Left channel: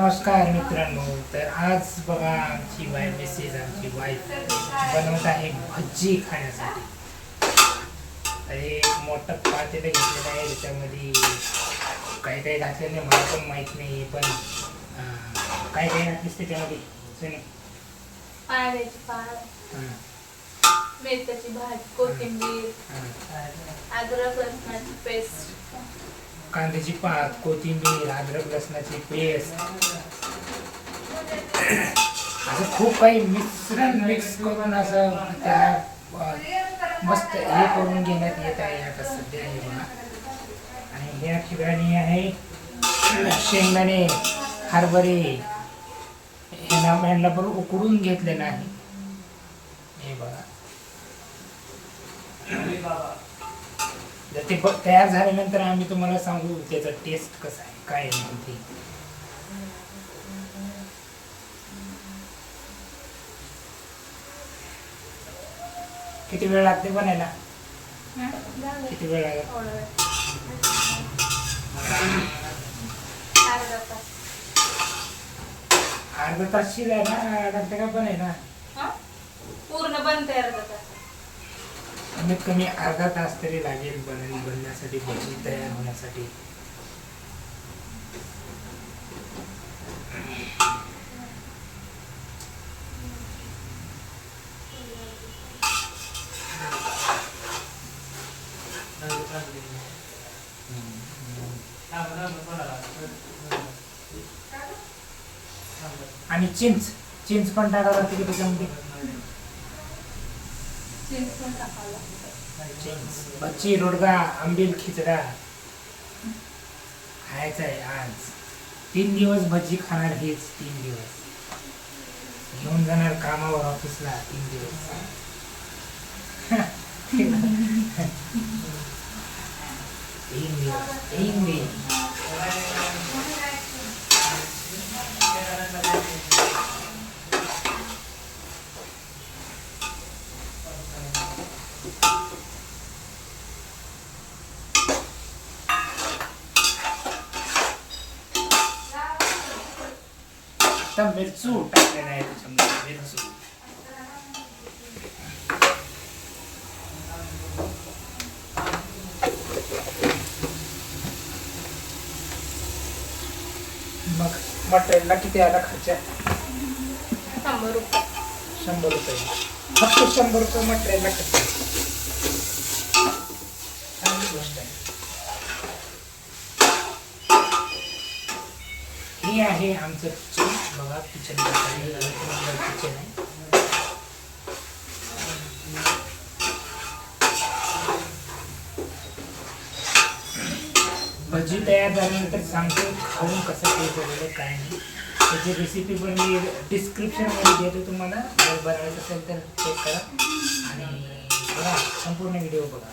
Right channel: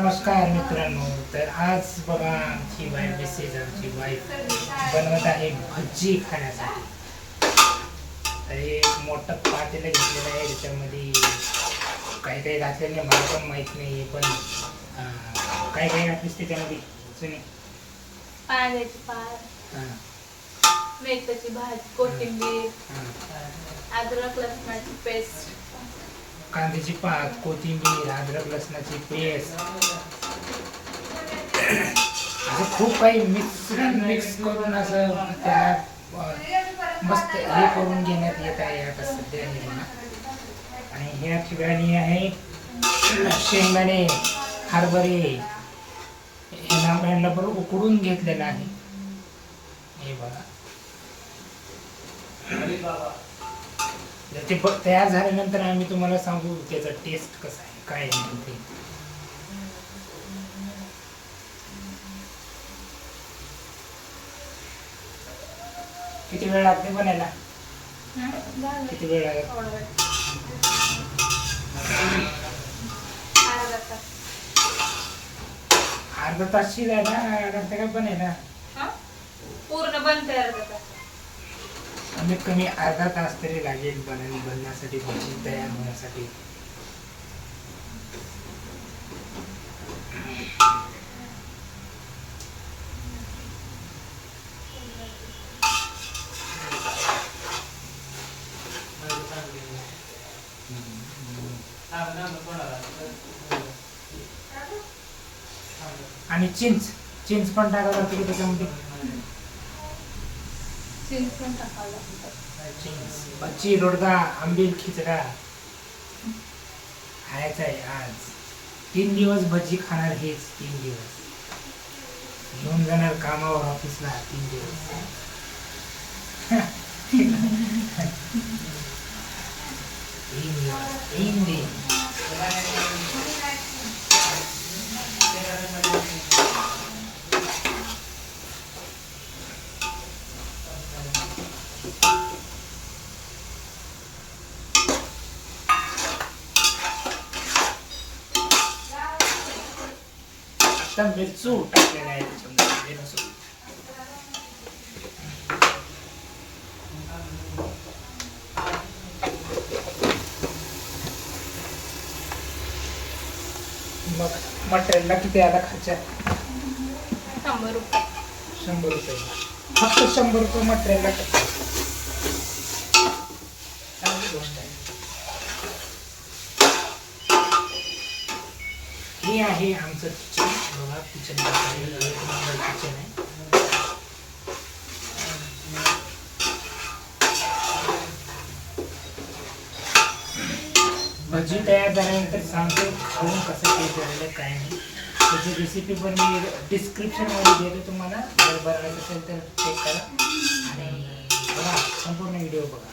नमस्कार मित्रांनो. तर आज बघा आमची आमची वाईफ बनवत आहे भजी खाण्यासाठी. तर एक मोठं पातेलं घेतलेलं आहे, त्याच्यामध्ये काही काही घातलेलं नाही, मला पण माहीत नाही, पण काही काही घातलीस त्याच्यामध्ये सुने. पाण्याची पात, मेथीची भाजी, कोथिंबीर, अद्रक लसणाची पेस्ट, कांद्याची पात, कोथिंबीर, अद्रक लसणाची पेस्ट, असं खूप काही मिश्रण मिक्स करून असं त्याला मस्त हे करून घेण्यात येत आहे आता सध्या हे बघा. आणि ह्या ठिकाणी आहे शेंगदाणे, हरभरे, ह्यांना पण उकडून घेतलेलं आहे हे बघा. जर ते तयार झाल्यानंतर आम्ही तुम्हाला सांगू त्याचा टेस्ट कसा आहे, काय आहे ते. किती वेळ लागते बनायला? किती वेळ लागत? अर्धा तास शिजायला लागते का बनायला? पूर्ण बनते अर्धा तास. कमीत कमी अर्धा तास तरी लागेल बनण्यासाठी, भजी तयार होण्यासाठी. आणि चिंच पण टाकावं लागते की त्याच्यामध्ये? भजी, रोडगा, आंबील, खिचडा खायचा आहे आज. 3 दिवस भजी खाणार, हेच 3 दिवस घेऊन जाणार कामावर, ऑफिसला 3 दिवस. 3 दिवस. मिरचू टाकलेला आहे त्याच्यामध्ये, मिरचू. मग मटेरियलला किती आला खर्च? 100 रुपये. 100 रुपये, फक्त 100 रुपये मटेरियलला खर्च. चांगली गोष्ट आहे. हे आहे आमचं किचन बघा. किचन किचन आहे. भजी तयार झाल्यानंतर सांगतो खाऊन कसं टेस्ट झालेलं काय नाही. त्याची रेसिपी पण मी डिस्क्रिप्शनमध्ये देतो तुम्हाला. जर बनवायचं असेल तर चेक करा आणि बघा, संपूर्ण व्हिडिओ बघा.